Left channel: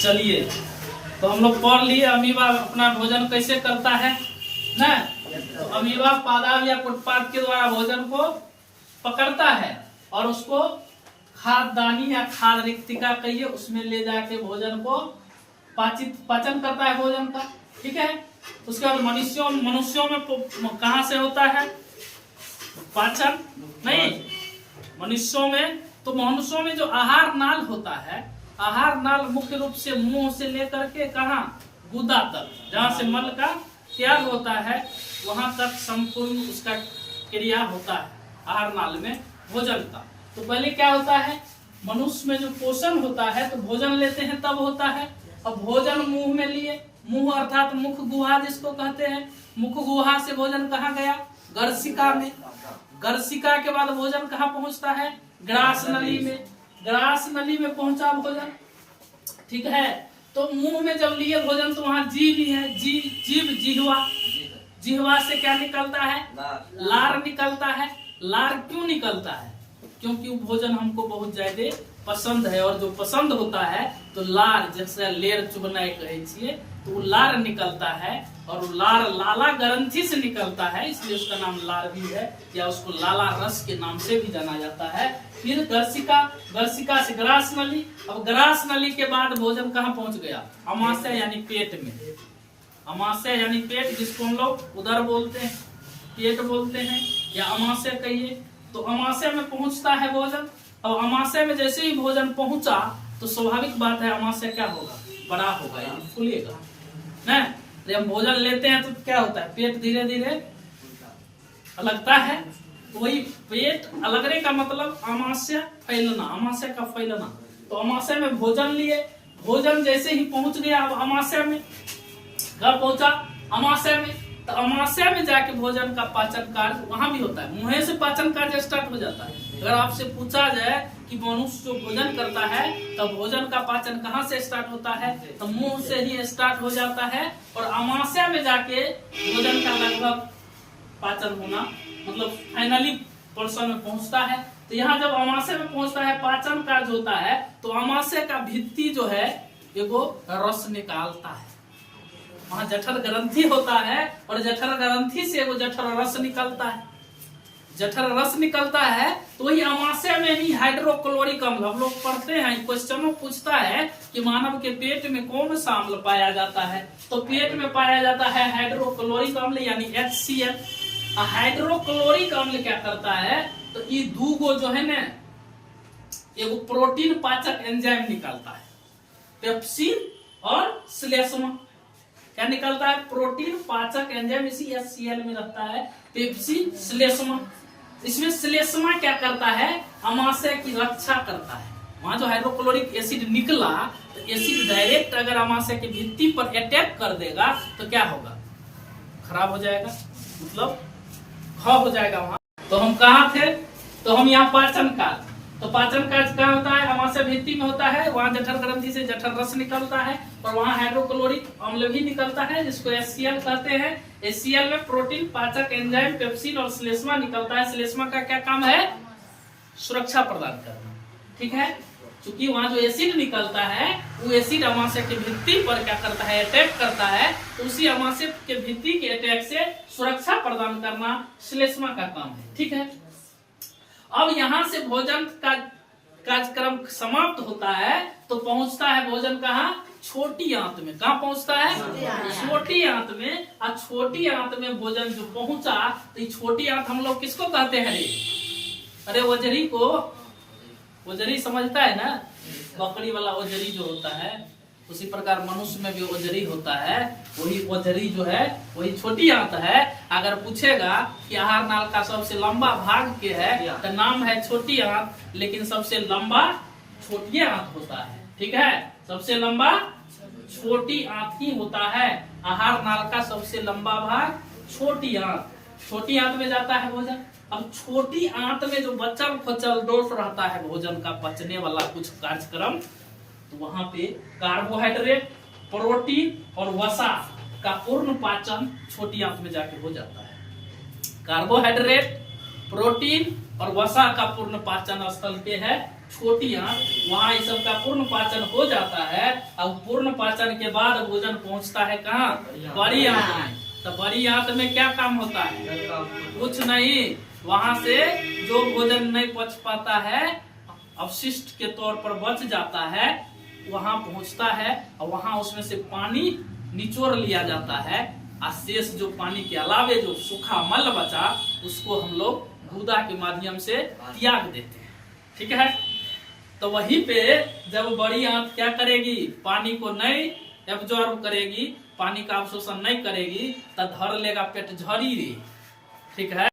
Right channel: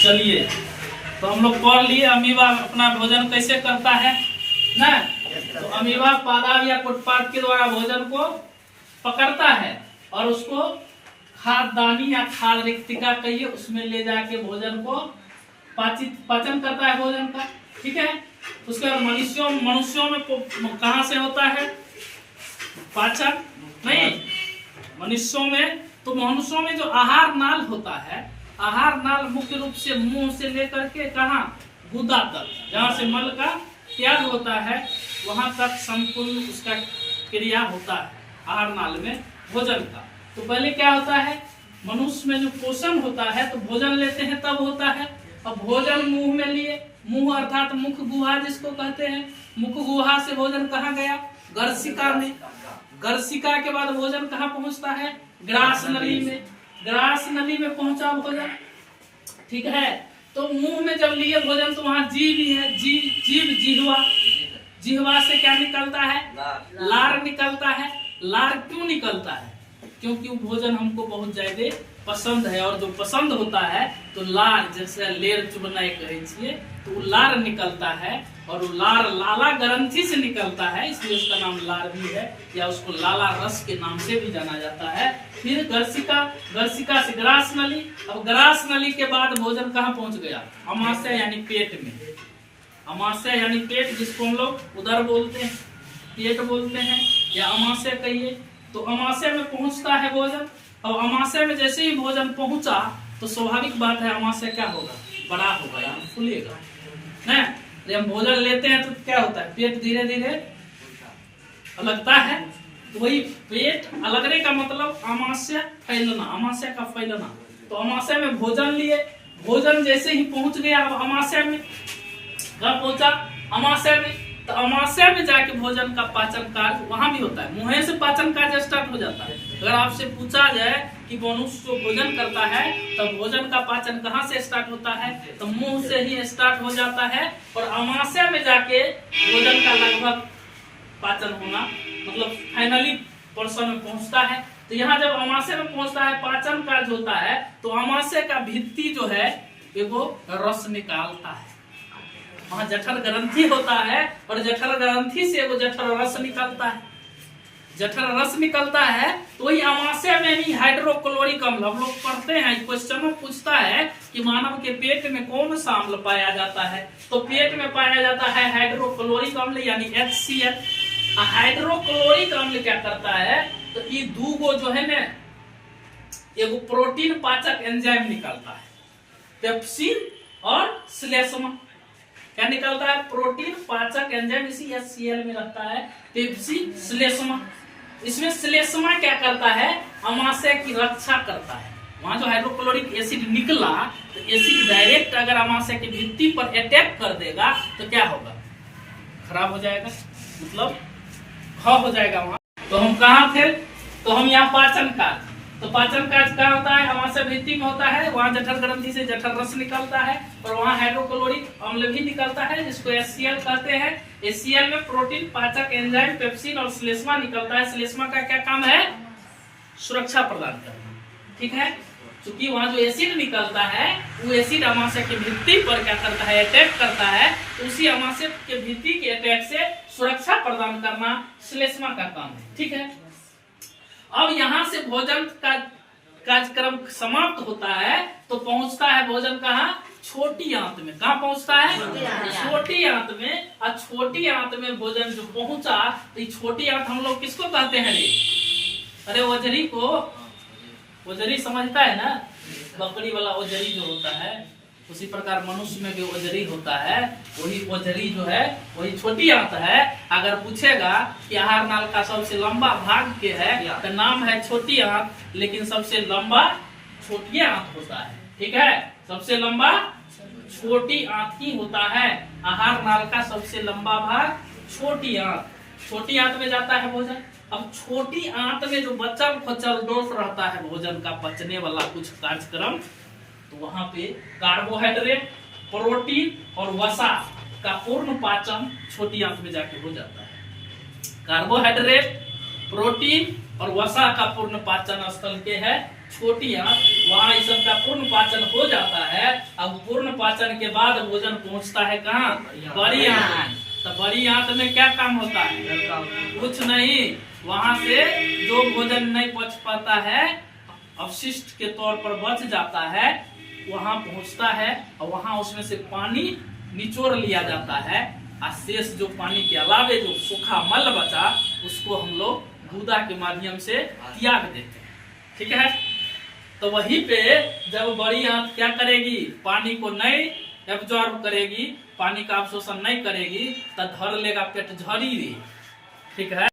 चलिए, तो हम लोग पढ़ लिए अमीबा अपना भोजन कैसे करता है ना। तो अमीबा पादप या कुटपाद के द्वारा भोजन को पकड़ता है और उसको खाद्यदानी या खाद्य रिक्तिका कहिए उसमें ले जाके भोजन को पाचन करता है भोजन का। ठीक है, उसके बाद मनुष्यों में कहाँ से होता है पाचन? नहीं, मनुष्यों में जो आहार नाल होता है, आहार नाल मुख्य रूप से मुंह से लेकर के कहाँ गुदा तक, जहाँ से मल का त्याग होता है वहां तक संपूर्ण उसका क्रिया होता है आहार नाल में भोजन का। तो पहले क्या होता है, मनुष्य में जो पोषण होता है तो भोजन लेते हैं तब होता है। अब भोजन मुंह में लिए, मुंह अर्थात मुख गुहा जिसको कहते हैं, मुख गुहा से भोजन कहाँ गया? गर्सिका में। गर्सिका के बाद भोजन कहाँ पहुंचता है? ग्रास नली में। ग्रास नली में पहुंचा भोजन। ठीक है, तो मुंह में जब लिए भोजन तो वहां जीव ही है, जीव जिह्वा। जिह्वा से क्या निकलता है? लार निकलता है। लार क्यों निकलता है? क्योंकि वो भोजन हमको बहुत ज्यादा पसंद है, और जो पसंद होता है तो लार, जैसे लेर चुबना कहे छिए, तो वो लार निकलता है, और वो लार लाला ग्रंथि से निकलता है, इसलिए उसका नाम लार भी है, या उसको लाला रस के नाम से भी जाना जाता है। फिर गर्सिका, गर्सिका से ग्रास नली। अब ग्रास नली के बाद भोजन कहाँ पहुंच गया? अमाशय यानी पेट में। अमाशय यानी पेट, जिसको हम लोग उदर बोलते हैं, पेट बोलते हैं, या अमाशय कहिए। तो अमाशय में पहुंचता है भोजन। और अमाशय में जैसे ही भोजन पहुंचा तो स्वाभाविक बात है अमाशय क्या होगा? बड़ा होगा, यानी फूलेगा ना। जब भोजन लेते हैं तो क्या होता है? पेट धीरे धीरे अलगता है। तो वही पेट अलगने का मतलब अमाशय फैलना, अमाशय का फैलना। तो अमाशय में भोजन लिए, भोजन जैसे ही पहुंच गया अब अमाशय में, कब पहुंचा? अमाशय में। तो अमाशय में जाके भोजन का पाचन कार्य वहां भी होता है। मुंह से पाचन कार्य स्टार्ट हो जाता है। अगर आपसे पूछा जाए कि मनुष्य जो भोजन करता है तब भोजन का पाचन कहाँ से स्टार्ट होता है, तो मुंह से ही स्टार्ट हो जाता है, और अमाशय में जाके भोजन का लगभग पाचन होना, मतलब फाइनली पोर्शन में पहुंचता है। तो यहाँ जब अमाशय में पहुंचता है, पाचन कार्य होता है, तो अमाशय का भित्ति जो है एगो रस निकालता है। वहाँ जठर ग्रंथि होता है, और जठर ग्रंथि से वो जठर रस निकलता है। जठर रस निकलता है तो वही अमाशय में ही हाइड्रोक्लोरिक अम्ल, हम लोग पढ़ते हैं, क्वेश्चन में पूछता है कि मानव के पेट में कौन सा अम्ल पाया जाता है, तो पेट में पाया जाता है हाइड्रोक्लोरिक अम्ल यानी HCl। हाइड्रोक्लोरिक अम्ल क्या करता है, तो ये दूगो जो है ना, एगो प्रोटीन पाचक एंजाइम निकलता है, पेप्सिन और श्लेष्मा। क्या निकलता है? प्रोटीन पाचक एंजाइम, इसी HCl में रहता है पेप्सिन, श्लेष्मा। इसमें श्लेष्मा क्या करता है? अमाशय की रक्षा करता है। वहां जो हाइड्रोक्लोरिक एसिड निकला, तो एसिड डायरेक्ट अगर अमाशय की भित्ति पर अटैक कर देगा तो क्या होगा? खराब हो जाएगा, मतलब ख हो जाएगा वहां। तो हम कहाँ थे? तो हम यहाँ पाचन कार्य। तो पाचन कार्य क्या होता है? अमाशय भित्ति में होता है, वहाँ जठर ग्रंथि से जठर रस निकलता है, और वहाँ हाइड्रोक्लोरिक अम्ल भी निकलता है जिसको HCl कहते हैं। HCl में प्रोटीन पाचक एंजाइम पेप्सिन और श्लेष्मा निकलता है। श्लेष्मा का क्या काम है? सुरक्षा प्रदान करना। ठीक है, क्योंकि वहाँ जो एसिड निकलता है वो एसिड अमाशय के भित्ति पर क्या करता है? अटैक करता है। तो उसी अमाशय के भित्ति के अटैक से सुरक्षा प्रदान करना श्लेष्मा का काम है। ठीक है, अब यहाँ से भोजन का कार्यक्रम समाप्त होता है तो पहुंचता है भोजन कहाँ? छोटी आंत में। कहाँ पहुंचता है? छोटी आंत में। और छोटी आंत में भोजन जो पहुंचा, तो छोटी आंत हम लोग किसको कहते हैं रे? अरे ओजरी को, ओजरी समझता है ना, बकरी वाला ओजरी जो होता है, उसी प्रकार मनुष्य में भी ओजरी होता है। वही ओजरी जो है वही छोटी आंत है। अगर पूछेगा कि आहार नाल का सबसे लंबा भाग के है, तो नाम है छोटी आंत, लेकिन सबसे लंबा छोटी आंत होता है। ठीक है, सबसे लंबा छोटी आंत ही होता है। आहार नाल का सबसे लंबा भाग छोटी आंत। छोटी आंत में जाता है भोजन। अब छोटी आंत में जो बचल खुचल दोष रहता है भोजन का पचने वाला कुछ कार्यक्रम, तो वहां पे कार्बोहाइड्रेट, प्रोटीन और वसा का पूर्ण पाचन छोटी आंत में जाके हो जाता है। कार्बोहाइड्रेट, प्रोटीन और वसा का पूर्ण पाचन स्थल के है छोटी आंत, वहाँ इस सब का पूर्ण पाचन हो जाता है। अब पूर्ण पाचन के बाद भोजन पहुँचता है कहाँ? बड़ी आंत में। तो बड़ी आंत में क्या काम होता है? कुछ नहीं, वहाँ से जो भोजन नहीं पच पाता है, अवशिष्ट के तौर पर बच जाता है, वहाँ पहुँचता है और वहाँ उसमें से पानी निचोड़ लिया जाता है। और शेष जो पानी के अलावे जो सूखा मल बचा, उसको हम लोग गुदा के माध्यम से त्याग देते हैं। ठीक है, तो वहीं पे जब बड़ी आंत क्या करेगी? पानी को नहीं एब्जॉर्ब करेगी, पानी का अवशोषण नहीं करेगी, तो धर लेगा पेट झड़ी। ठीक है।